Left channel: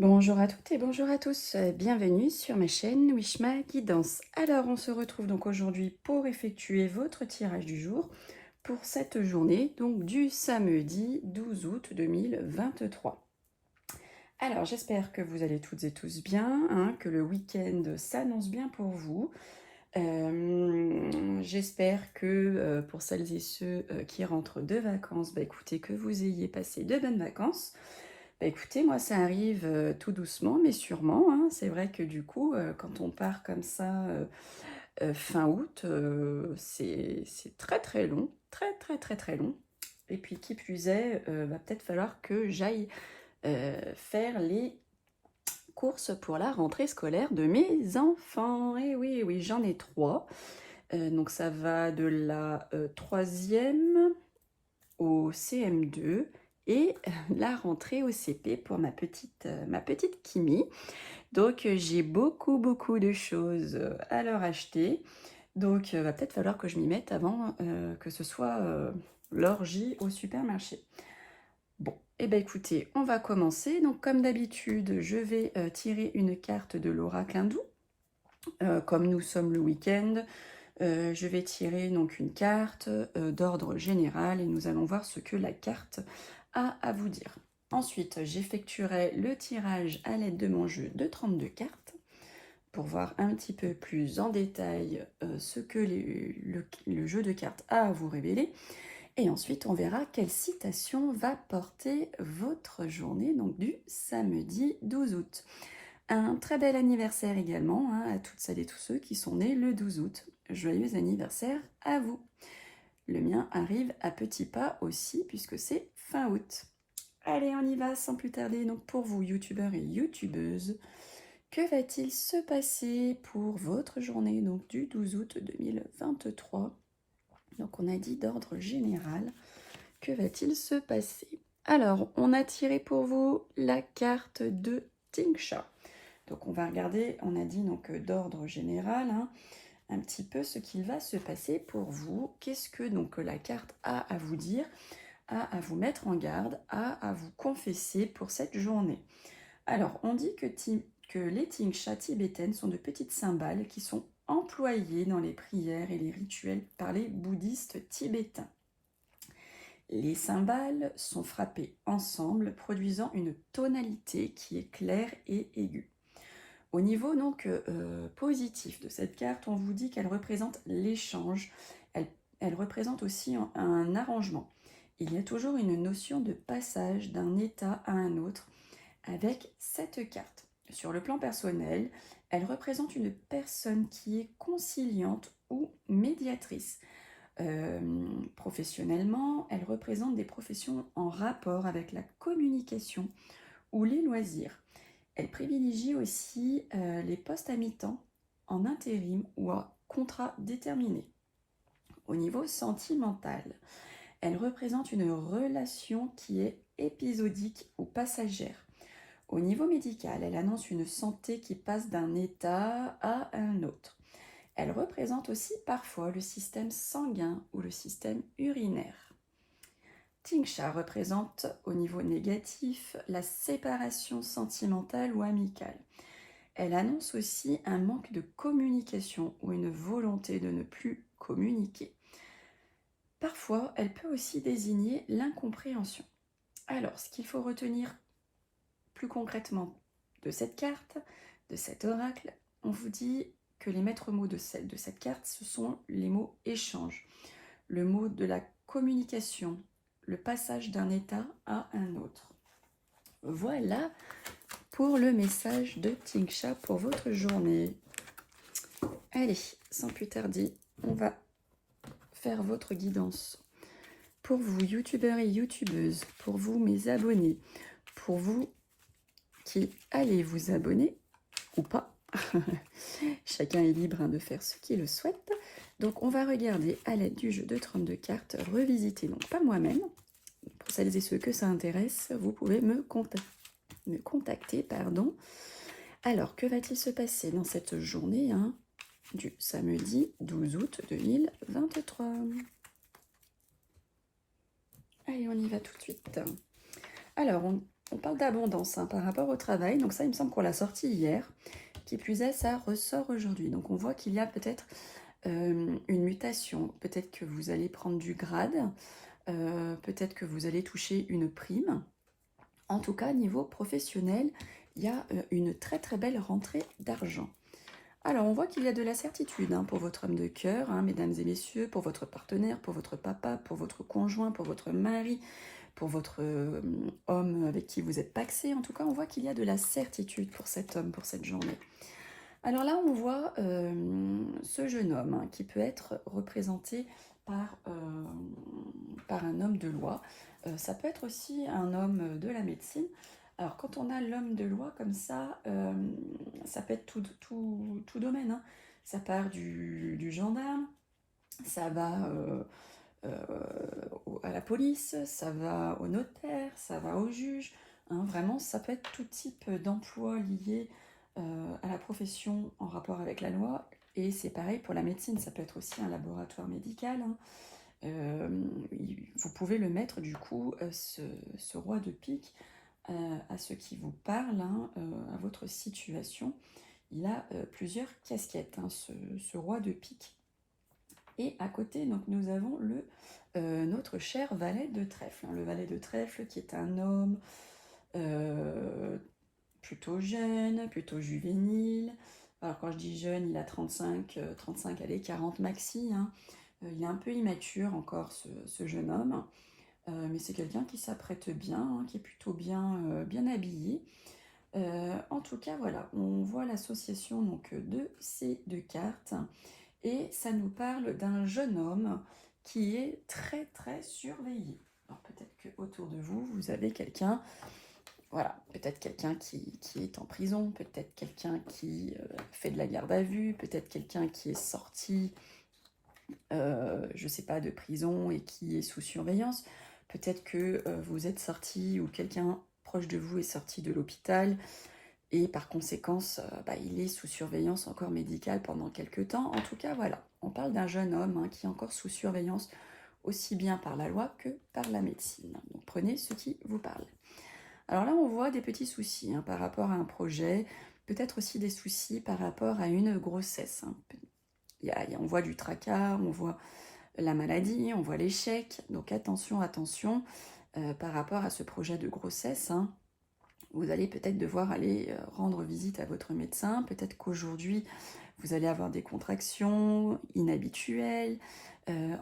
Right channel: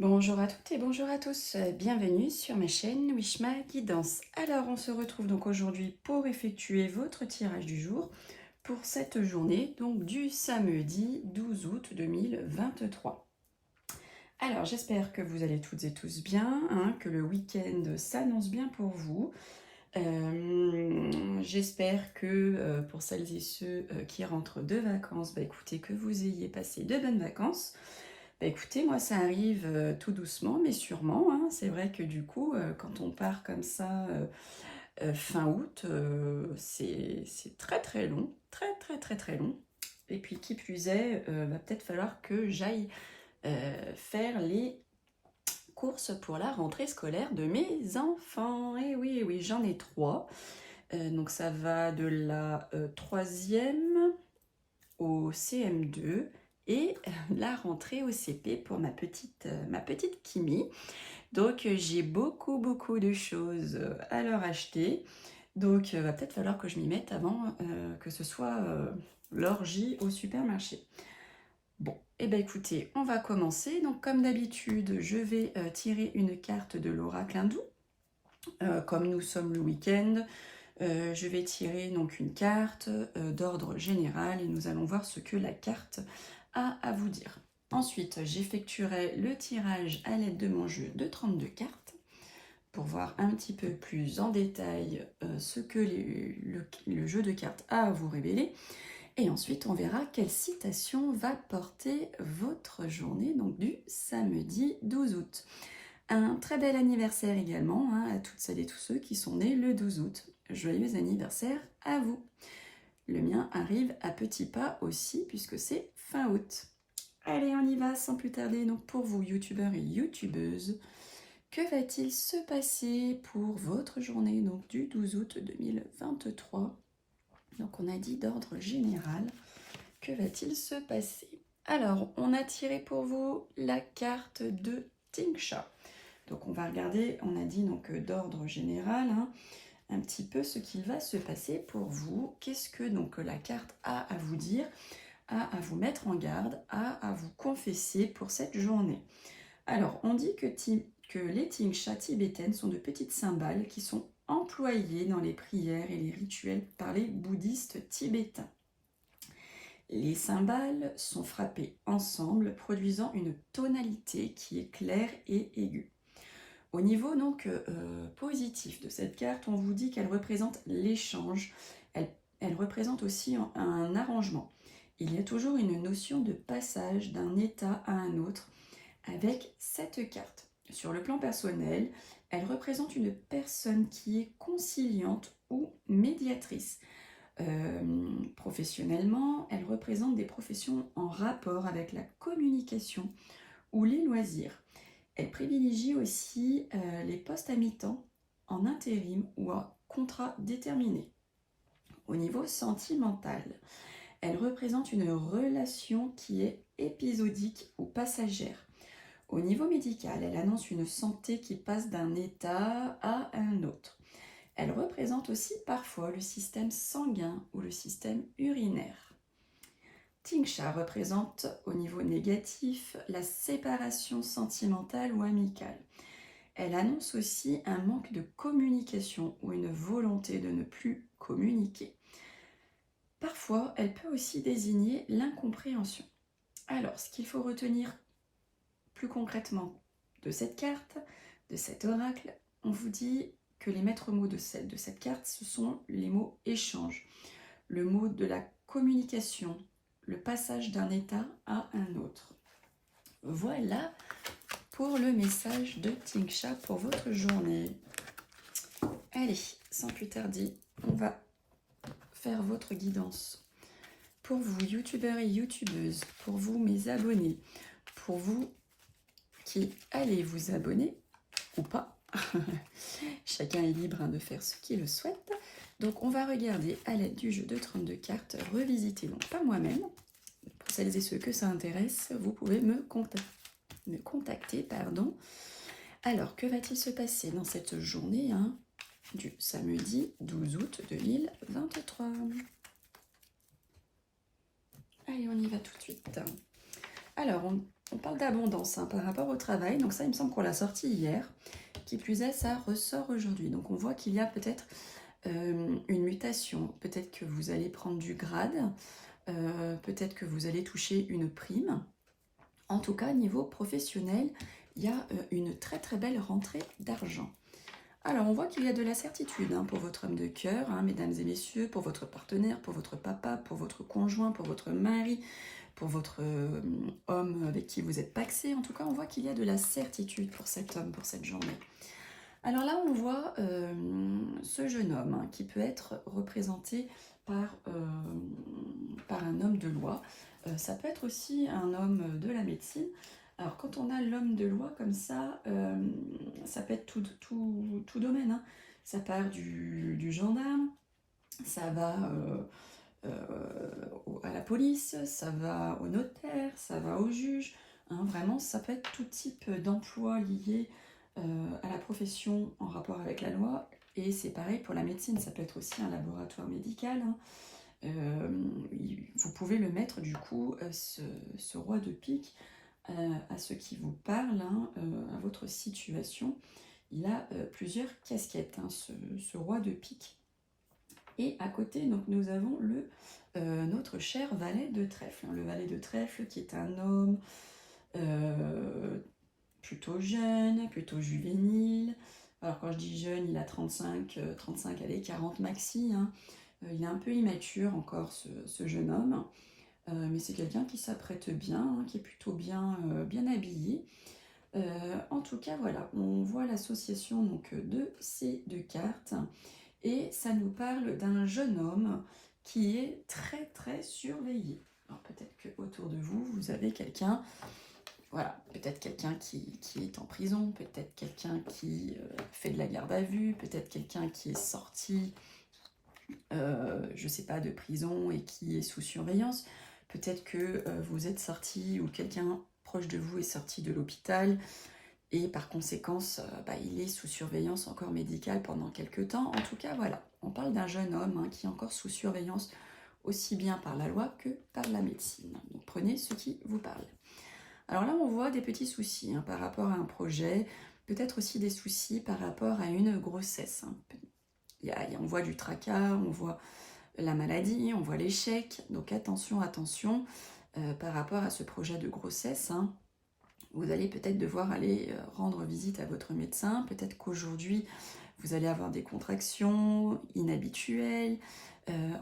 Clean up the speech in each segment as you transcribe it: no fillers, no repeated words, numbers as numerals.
Bonjour à toutes et bonjour à tous, bienvenue sur ma chaîne Wishma Guidance. Alors on se retrouve donc aujourd'hui pour effectuer votre tirage du jour pour cette journée, donc du samedi 12 août 2023. Alors j'espère que vous allez toutes et tous bien, que le week-end s'annonce bien pour vous. J'espère que pour celles et ceux qui rentrent de vacances, écoutez, que vous ayez passé de bonnes vacances. Écoutez, moi ça arrive tout doucement mais sûrement, C'est vrai que du coup, quand on part comme ça fin août, c'est très très long, très très très très long. Et puis qui plus est, va peut-être falloir que j'aille faire les courses pour la rentrée scolaire de mes enfants. Et oui, oui, j'en ai trois. Donc ça va de la troisième au CM2 et la rentrée au CP pour ma petite Kimi. Donc j'ai beaucoup de choses à leur acheter. Donc va peut-être falloir que je m'y mette avant que ce soit l'orgie au supermarché. Bon, et bien écoutez, on va commencer. Donc comme d'habitude, je vais tirer une carte de l'oracle hindou. Comme nous sommes le week-end, je vais tirer donc une carte d'ordre général et nous allons voir ce que la carte a à vous dire. Ensuite, j'effectuerai le tirage à l'aide de mon jeu de 32 cartes pour voir un petit peu plus en détail ce que le jeu de cartes a à vous révéler. Et ensuite, on verra quelle citation va porter votre journée, donc du samedi 12 août. Un très bel anniversaire également à toutes celles et tous ceux qui sont nés le 12 août. Joyeux anniversaire à vous. Le mien arrive à petits pas aussi puisque c'est fin août. Allez, on y va sans plus tarder. Donc pour vous, youtubeurs et youtubeuses, que va-t-il se passer pour votre journée donc du 12 août 2023? Donc on a dit d'ordre général. Que va-t-il se passer? Alors, on a tiré pour vous la carte de Tingsha. Donc on va regarder, on a dit donc d'ordre général, un petit peu ce qu'il va se passer pour vous. Qu'est-ce que donc la carte a à vous dire, a à vous mettre en garde, a à vous confesser pour cette journée? Alors on dit que les tingsha tibétaines sont de petites cymbales qui sont employées dans les prières et les rituels par les bouddhistes tibétains. Les cymbales sont frappées ensemble, produisant une tonalité qui est claire et aiguë. Au niveau donc positif de cette carte, on vous dit qu'elle représente l'échange, elle représente aussi un arrangement. Il y a toujours une notion de passage d'un état à un autre avec cette carte. Sur le plan personnel, elle représente une personne qui est conciliante ou médiatrice. Professionnellement, elle représente des professions en rapport avec la communication ou les loisirs. Elle privilégie aussi les postes à mi-temps, en intérim ou à contrat déterminé. Au niveau sentimental, elle représente une relation qui est épisodique ou passagère. Au niveau médical, elle annonce une santé qui passe d'un état à un autre. Elle représente aussi parfois le système sanguin ou le système urinaire. Tingsha représente au niveau négatif la séparation sentimentale ou amicale. Elle annonce aussi un manque de communication ou une volonté de ne plus communiquer. Parfois, elle peut aussi désigner l'incompréhension. Alors, ce qu'il faut retenir plus concrètement de cette carte, de cet oracle, on vous dit que les maîtres mots de cette carte, ce sont les mots échange, le mot de la communication, le passage d'un état à un autre. Voilà pour le message de Tingsha pour votre journée. Allez, sans plus tarder, on va faire votre guidance. Pour vous, youtubeurs et youtubeuses, pour vous, mes abonnés, pour vous qui allez vous abonner ou pas, chacun est libre de faire ce qu'il le souhaite. Donc on va regarder à l'aide du jeu de 32 cartes, revisiter, donc pas moi-même. Pour celles et ceux que ça intéresse, vous pouvez me contacter. Alors, que va-t-il se passer dans cette journée du samedi 12 août 2023? Allez, on y va tout de suite. Alors, on parle d'abondance hein, par rapport au travail. Donc ça, il me semble qu'on l'a sorti hier. Qui plus est, ça ressort aujourd'hui. Donc on voit qu'il y a peut-être une mutation. Peut-être que vous allez prendre du grade. Peut-être que vous allez toucher une prime. En tout cas, niveau professionnel, il y a une très très belle rentrée d'argent. Alors, on voit qu'il y a de la certitude hein, pour votre homme de cœur, hein, mesdames et messieurs, pour votre partenaire, pour votre papa, pour votre conjoint, pour votre mari, pour votre homme avec qui vous êtes pacsé. En tout cas, on voit qu'il y a de la certitude pour cet homme, pour cette journée. Alors là, on voit ce jeune homme hein, qui peut être représenté par un homme de loi. Ça peut être aussi un homme de la médecine. Alors quand on a l'homme de loi comme ça peut être tout domaine. Hein. Ça part du gendarme, ça va à la police, ça va au notaire, ça va au juge. Hein. Vraiment, ça peut être tout type d'emploi lié à la profession en rapport avec la loi. Et c'est pareil pour la médecine, ça peut être aussi un laboratoire médical. Hein. Vous pouvez le mettre du coup, ce roi de pique, à ceux qui vous parlent, hein, à votre situation. Il a plusieurs casquettes, hein, ce roi de pique. Et à côté, donc, nous avons notre cher valet de trèfle. Hein, le valet de trèfle qui est un homme plutôt jeune, plutôt juvénile. Alors quand je dis jeune, il a 35, allez, 40 maxi. Hein. Il est un peu immature encore, ce jeune homme. Mais c'est quelqu'un qui s'apprête bien, hein, qui est plutôt bien habillé. En tout cas, voilà, on voit l'association donc de ces deux cartes. Et ça nous parle d'un jeune homme qui est très très surveillé. Alors peut-être qu'autour de vous, vous avez quelqu'un, voilà, peut-être quelqu'un qui est en prison, peut-être quelqu'un qui fait de la garde à vue, peut-être quelqu'un qui est sorti, je ne sais pas, de prison et qui est sous surveillance. Peut-être que vous êtes sorti ou quelqu'un proche de vous est sorti de l'hôpital et par conséquence, il est sous surveillance encore médicale pendant quelques temps. En tout cas, voilà, on parle d'un jeune homme hein, qui est encore sous surveillance aussi bien par la loi que par la médecine. Donc prenez ce qui vous parle. Alors là, on voit des petits soucis hein, par rapport à un projet, peut-être aussi des soucis par rapport à une grossesse. Hein. On voit du tracas, on voit la maladie, on voit l'échec. Donc attention, attention par rapport à ce projet de grossesse. Hein. Vous allez peut-être devoir aller rendre visite à votre médecin. Peut-être qu'aujourd'hui, vous allez avoir des contractions inhabituelles.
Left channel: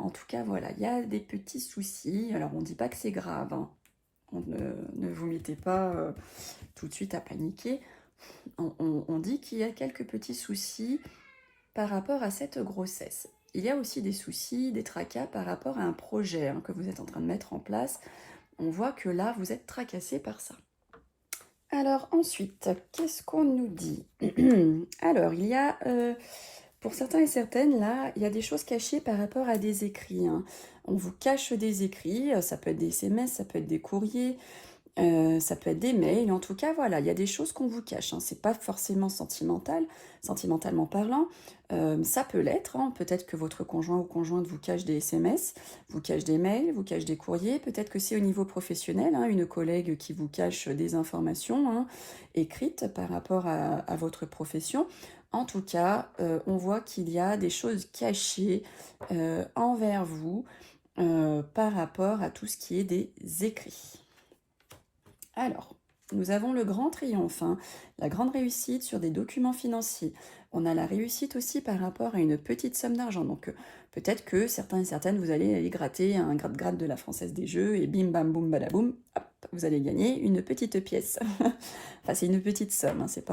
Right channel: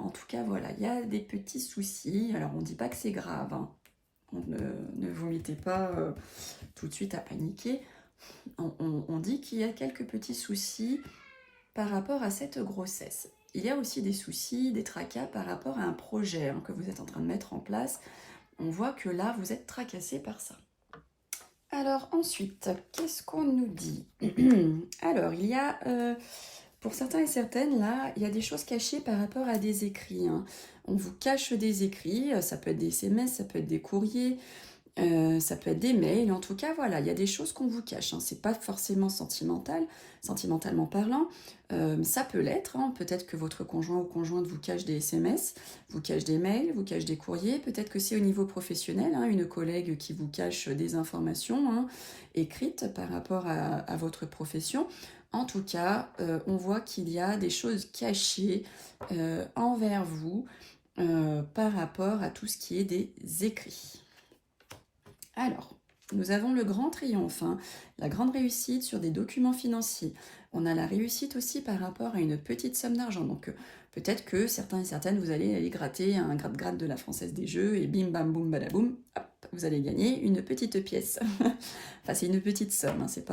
En tout cas, voilà, il y a des petits soucis. Alors, on ne dit pas que c'est grave. Hein. Ne vous mettez pas tout de suite à paniquer. On dit qu'il y a quelques petits soucis par rapport à cette grossesse. Il y a aussi des soucis, des tracas par rapport à un projet hein, que vous êtes en train de mettre en place. On voit que là, vous êtes tracassé par ça. Alors ensuite, qu'est-ce qu'on nous dit? Alors, il y a, pour certains et certaines, là, il y a des choses cachées par rapport à des écrits. Hein. On vous cache des écrits, ça peut être des SMS, ça peut être des courriers, ça peut être des mails. En tout cas, voilà, il y a des choses qu'on vous cache. Hein. C'est pas forcément sentimentalement parlant. Ça peut l'être. Hein. Peut-être que votre conjoint ou conjointe vous cache des SMS, vous cache des mails, vous cache des courriers. Peut-être que c'est au niveau professionnel, hein, une collègue qui vous cache des informations hein, écrites par rapport à votre profession. En tout cas, on voit qu'il y a des choses cachées envers vous par rapport à tout ce qui est des écrits. Alors, nous avons le grand triomphe, hein, la grande réussite sur des documents financiers. On a la réussite aussi par rapport à une petite somme d'argent. Donc, peut-être que certains et certaines, vous allez aller gratter un grade de la Française des Jeux et bim, bam, boum, badaboum, hop, vous allez gagner une petite pièce. Enfin, c'est une petite somme, hein, c'est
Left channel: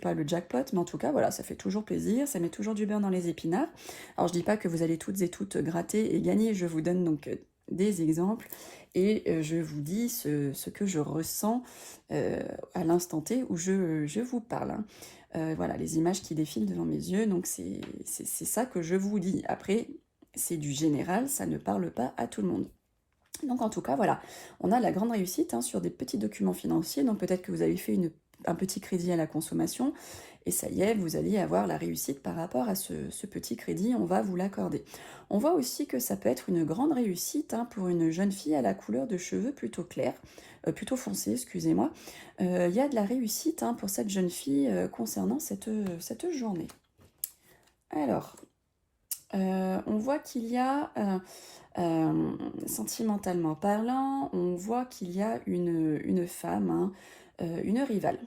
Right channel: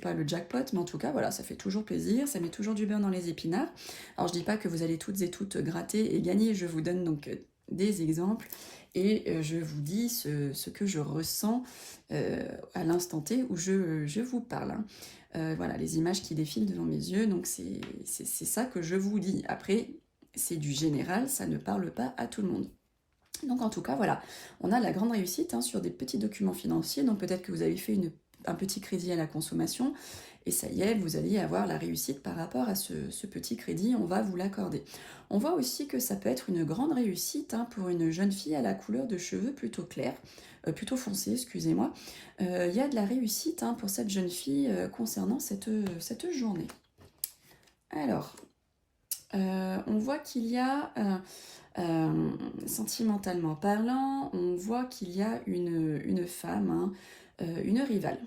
pas le jackpot, mais en tout cas, voilà, ça fait toujours plaisir, ça met toujours du beurre dans les épinards. Alors, je dis pas que vous allez toutes et toutes gratter et gagner, je vous donne donc des exemples. Et je vous dis ce que je ressens à l'instant T où je vous parle. Hein. Voilà, les images qui défilent devant mes yeux, donc c'est ça que je vous dis. Après, c'est du général, ça ne parle pas à tout le monde. Donc en tout cas, voilà, on a la grande réussite hein, sur des petits documents financiers. Donc peut-être que vous avez fait une un petit crédit à la consommation, et ça y est, vous allez avoir la réussite par rapport à ce petit crédit, on va vous l'accorder. On voit aussi que ça peut être une grande réussite pour une jeune fille à la couleur de cheveux plutôt claire, plutôt foncée, excusez-moi. Il y a de la réussite pour cette jeune fille concernant cette journée. Alors, on voit qu'il y a, sentimentalement parlant, on voit qu'il y a une femme, une rivale.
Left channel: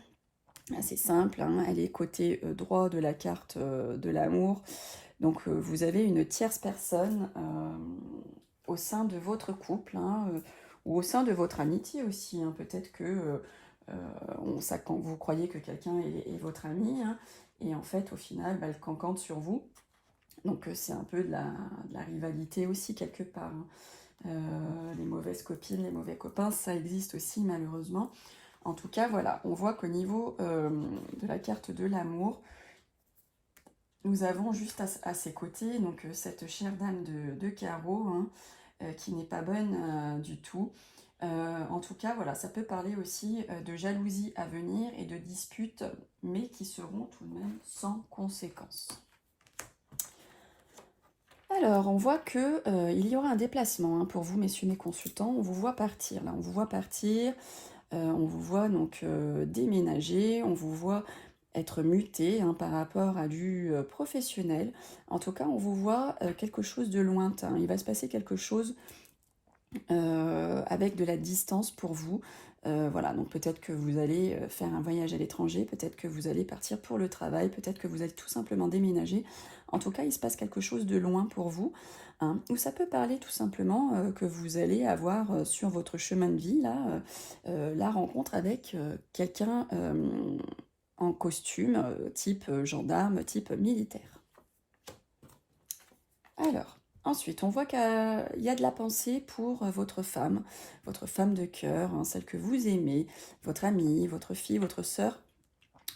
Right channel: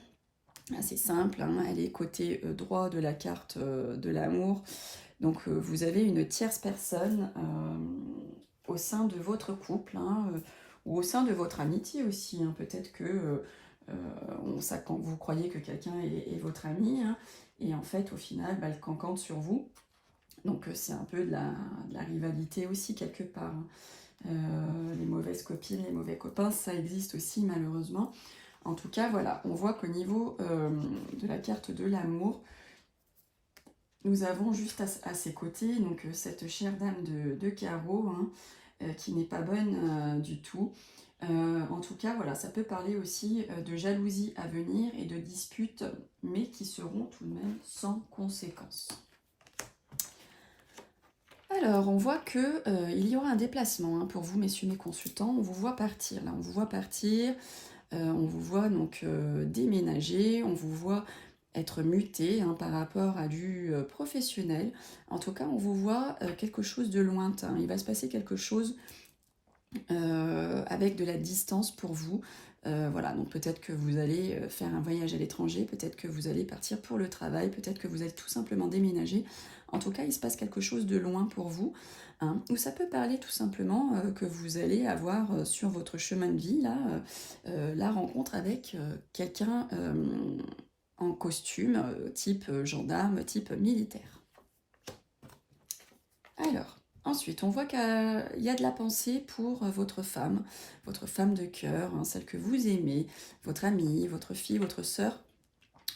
Assez simple, elle est côté droit de la carte de l'amour. Donc vous avez une tierce personne au sein de votre couple, ou au sein de votre amitié aussi. Peut-être que quand vous croyez que quelqu'un est votre ami, et en fait au final elle cancante sur vous. Donc c'est un peu de la rivalité aussi quelque part. Les mauvaises copines, les mauvais copains, ça existe aussi malheureusement. En tout cas, voilà, on voit qu'au niveau de la carte de l'amour, nous avons juste à ses côtés donc cette chère dame de carreau qui n'est pas bonne du tout. En tout cas, voilà, ça peut parler aussi de jalousie à venir et de disputes, mais qui seront tout de même sans conséquence. Alors, on voit que il y aura un déplacement pour vous, messieurs mes consultants. On vous voit partir, là, on vous voit partir. On vous voit donc déménager, on vous voit être muté par rapport à du professionnel. En tout cas, on vous voit quelque chose de lointain. Il va se passer quelque chose avec de la distance pour vous. Voilà, donc peut-être que vous allez faire un voyage à l'étranger, peut-être que vous allez partir pour le travail, peut-être que vous allez tout simplement déménager. En tout cas, il se passe quelque chose de loin pour vous. Ou ça peut parler tout simplement que vous allez avoir sur votre chemin de vie là, la rencontre avec quelqu'un en costume, type gendarme, type militaire. Alors, ensuite, on voit qu'il y a de la pensée pour votre femme de cœur, celle que vous aimez, votre amie, votre fille, votre sœur.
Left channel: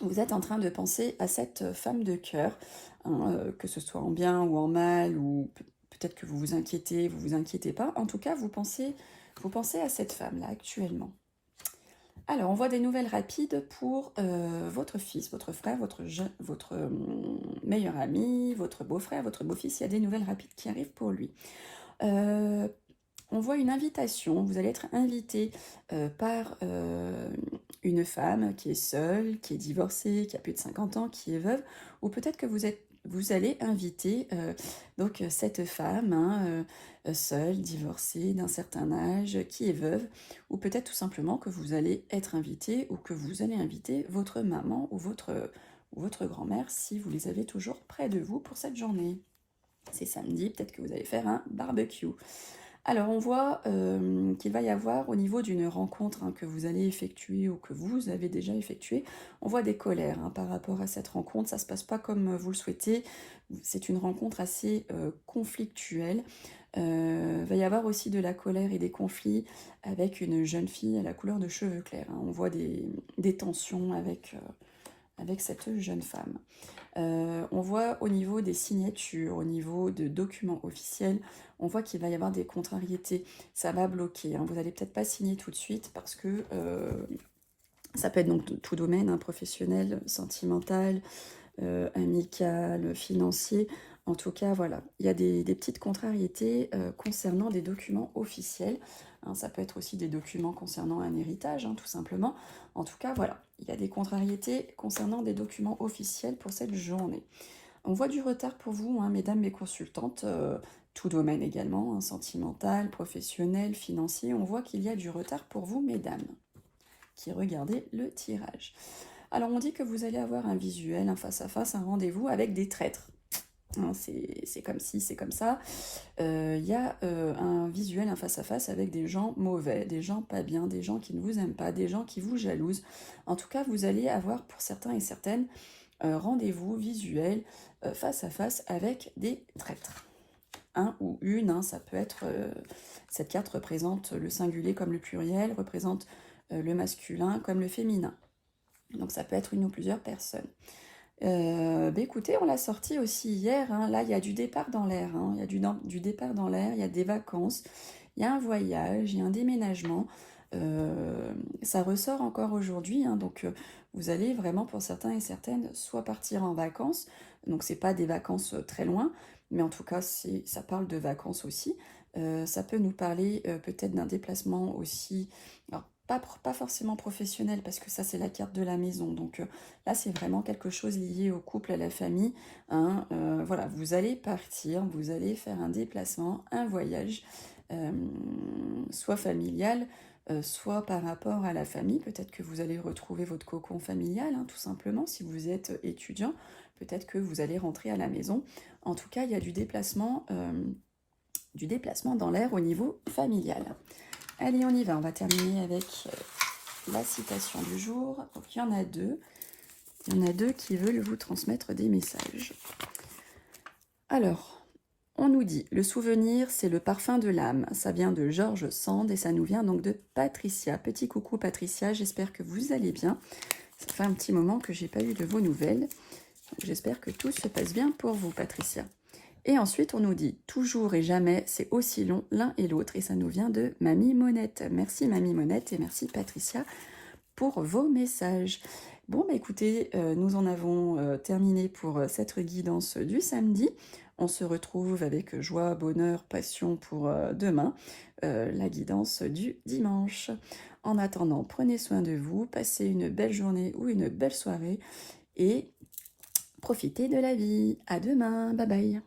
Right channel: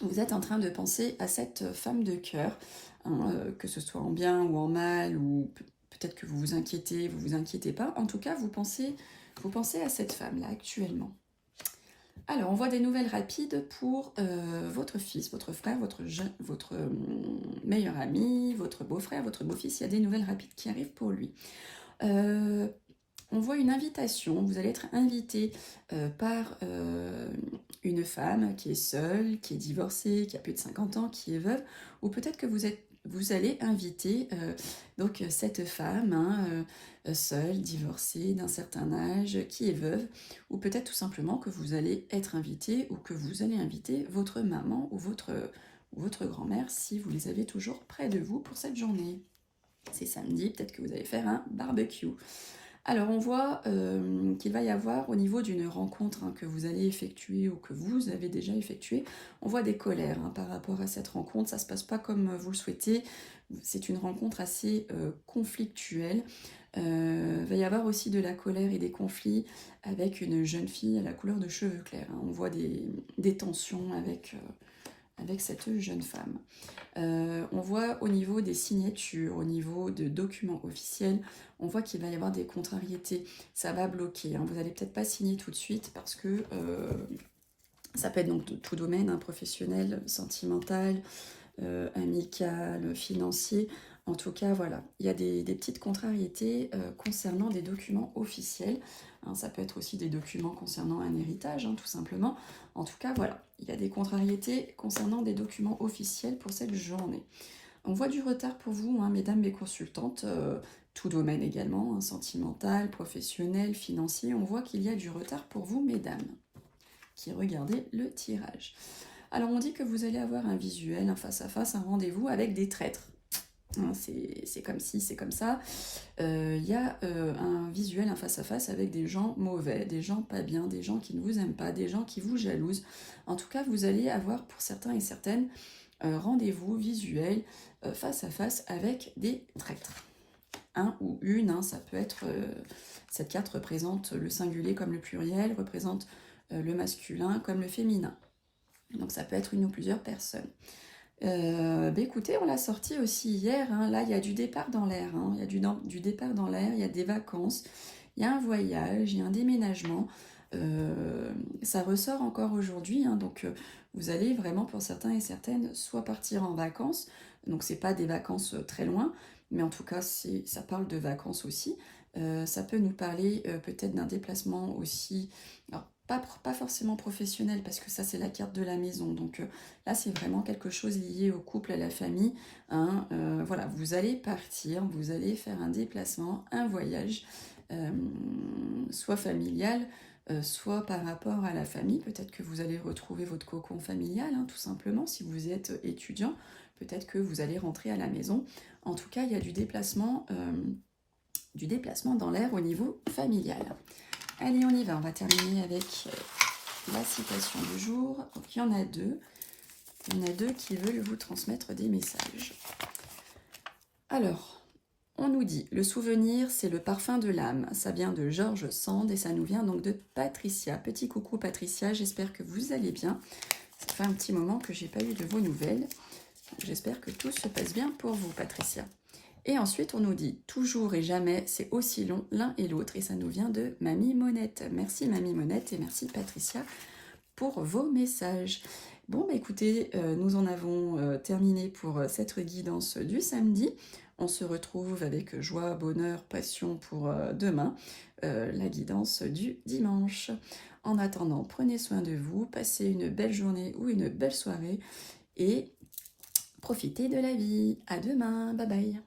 Vous êtes en train de penser à cette femme de cœur, que ce soit en bien ou en mal, ou peut-être que vous vous inquiétez pas. En tout cas, vous pensez à cette femme-là actuellement. Alors, on voit des nouvelles rapides pour votre fils, votre frère, votre meilleur ami, votre beau-frère, votre beau-fils. Il y a des nouvelles rapides qui arrivent pour lui. On voit une invitation. Vous allez être invité par une femme qui est seule, qui est divorcée, qui a plus de 50 ans, qui est veuve, ou peut-être que vous allez inviter donc cette femme seule, divorcée, d'un certain âge, qui est veuve, ou peut-être tout simplement que vous allez être invité, ou que vous allez inviter votre maman ou votre grand-mère si vous les avez toujours près de vous pour cette journée. C'est samedi, peut-être que vous allez faire un barbecue. Alors on voit qu'il va y avoir au niveau d'une rencontre que vous allez effectuer ou que vous avez déjà effectué, on voit des colères par rapport à cette rencontre, ça ne se passe pas comme vous le souhaitez, c'est une rencontre assez conflictuelle. Il va y avoir aussi de la colère et des conflits avec une jeune fille à la couleur de cheveux clairs. On voit des tensions avec cette jeune femme. On voit au niveau des signatures, au niveau de documents officiels, on voit qu'il va y avoir des contrariétés. Ça va bloquer. Vous n'allez peut-être pas signer tout de suite parce que ça peut être donc de tout domaine, professionnel, sentimental, amical, financier. En tout cas, voilà, il y a des petites contrariétés concernant des documents officiels. Ça peut être aussi des documents concernant un héritage, tout simplement. En tout cas, voilà, il y a des contrariétés concernant des documents officiels pour cette journée. On voit du retard pour vous, mesdames mes consultantes, tout domaine également, sentimental, professionnel, financier. On voit qu'il y a du retard pour vous, mesdames, qui regardez le tirage. Alors, on dit que vous allez avoir un visuel, un face-à-face, un rendez-vous avec des traîtres. C'est comme ci, c'est comme ça. Il y a un visuel, un face-à-face avec des gens mauvais, des gens pas bien, des gens qui ne vous aiment pas, des gens qui vous jalousent. En tout cas, vous allez avoir pour certains et certaines rendez-vous visuel face-à-face avec des traîtres. Un ou une, ça peut être... cette carte représente le singulier comme le pluriel, représente le masculin comme le féminin. Donc ça peut être une ou plusieurs personnes. Écoutez, on l'a sorti aussi hier, là il y a du départ dans l'air, il y a du départ dans l'air, il y a des vacances, il y a un voyage, il y a un déménagement, ça ressort encore aujourd'hui, hein, donc vous allez vraiment pour certains et certaines soit partir en vacances, donc c'est pas des vacances très loin, mais en tout cas ça parle de vacances aussi. Ça peut nous parler peut-être d'un déplacement aussi, alors pas forcément professionnel parce que ça c'est la carte de la maison, donc là c'est vraiment quelque chose lié au couple, à la famille, hein, voilà, vous allez partir, vous allez faire un déplacement, un voyage, soit familial, soit par rapport à la famille, peut-être que vous allez retrouver votre cocon familial, hein, tout simplement, si vous êtes étudiant, peut-être que vous allez rentrer à la maison. En tout cas, il y a du déplacement dans l'air au niveau familial. Allez, on y va, on va terminer avec la citation du jour. Donc, il y en a deux. Il y en a deux qui veulent vous transmettre des messages. Alors, on nous dit, le souvenir, c'est le parfum de l'âme. Ça vient de George Sand et ça nous vient donc de Patricia. Petit coucou Patricia, j'espère que vous allez bien. Ça fait un petit moment que j'ai pas eu de vos nouvelles. J'espère que tout se passe bien pour vous, Patricia. Et ensuite, on nous dit, toujours et jamais, c'est aussi long l'un et l'autre. Et ça nous vient de Mamie Monette. Merci Mamie Monette et merci Patricia pour vos messages. Bon, bah écoutez, nous en avons terminé pour cette guidance du samedi. On se retrouve avec joie, bonheur, passion pour demain, la guidance du dimanche. En attendant, prenez soin de vous, passez une belle journée ou une belle soirée et profitez de la vie. À demain, bye bye.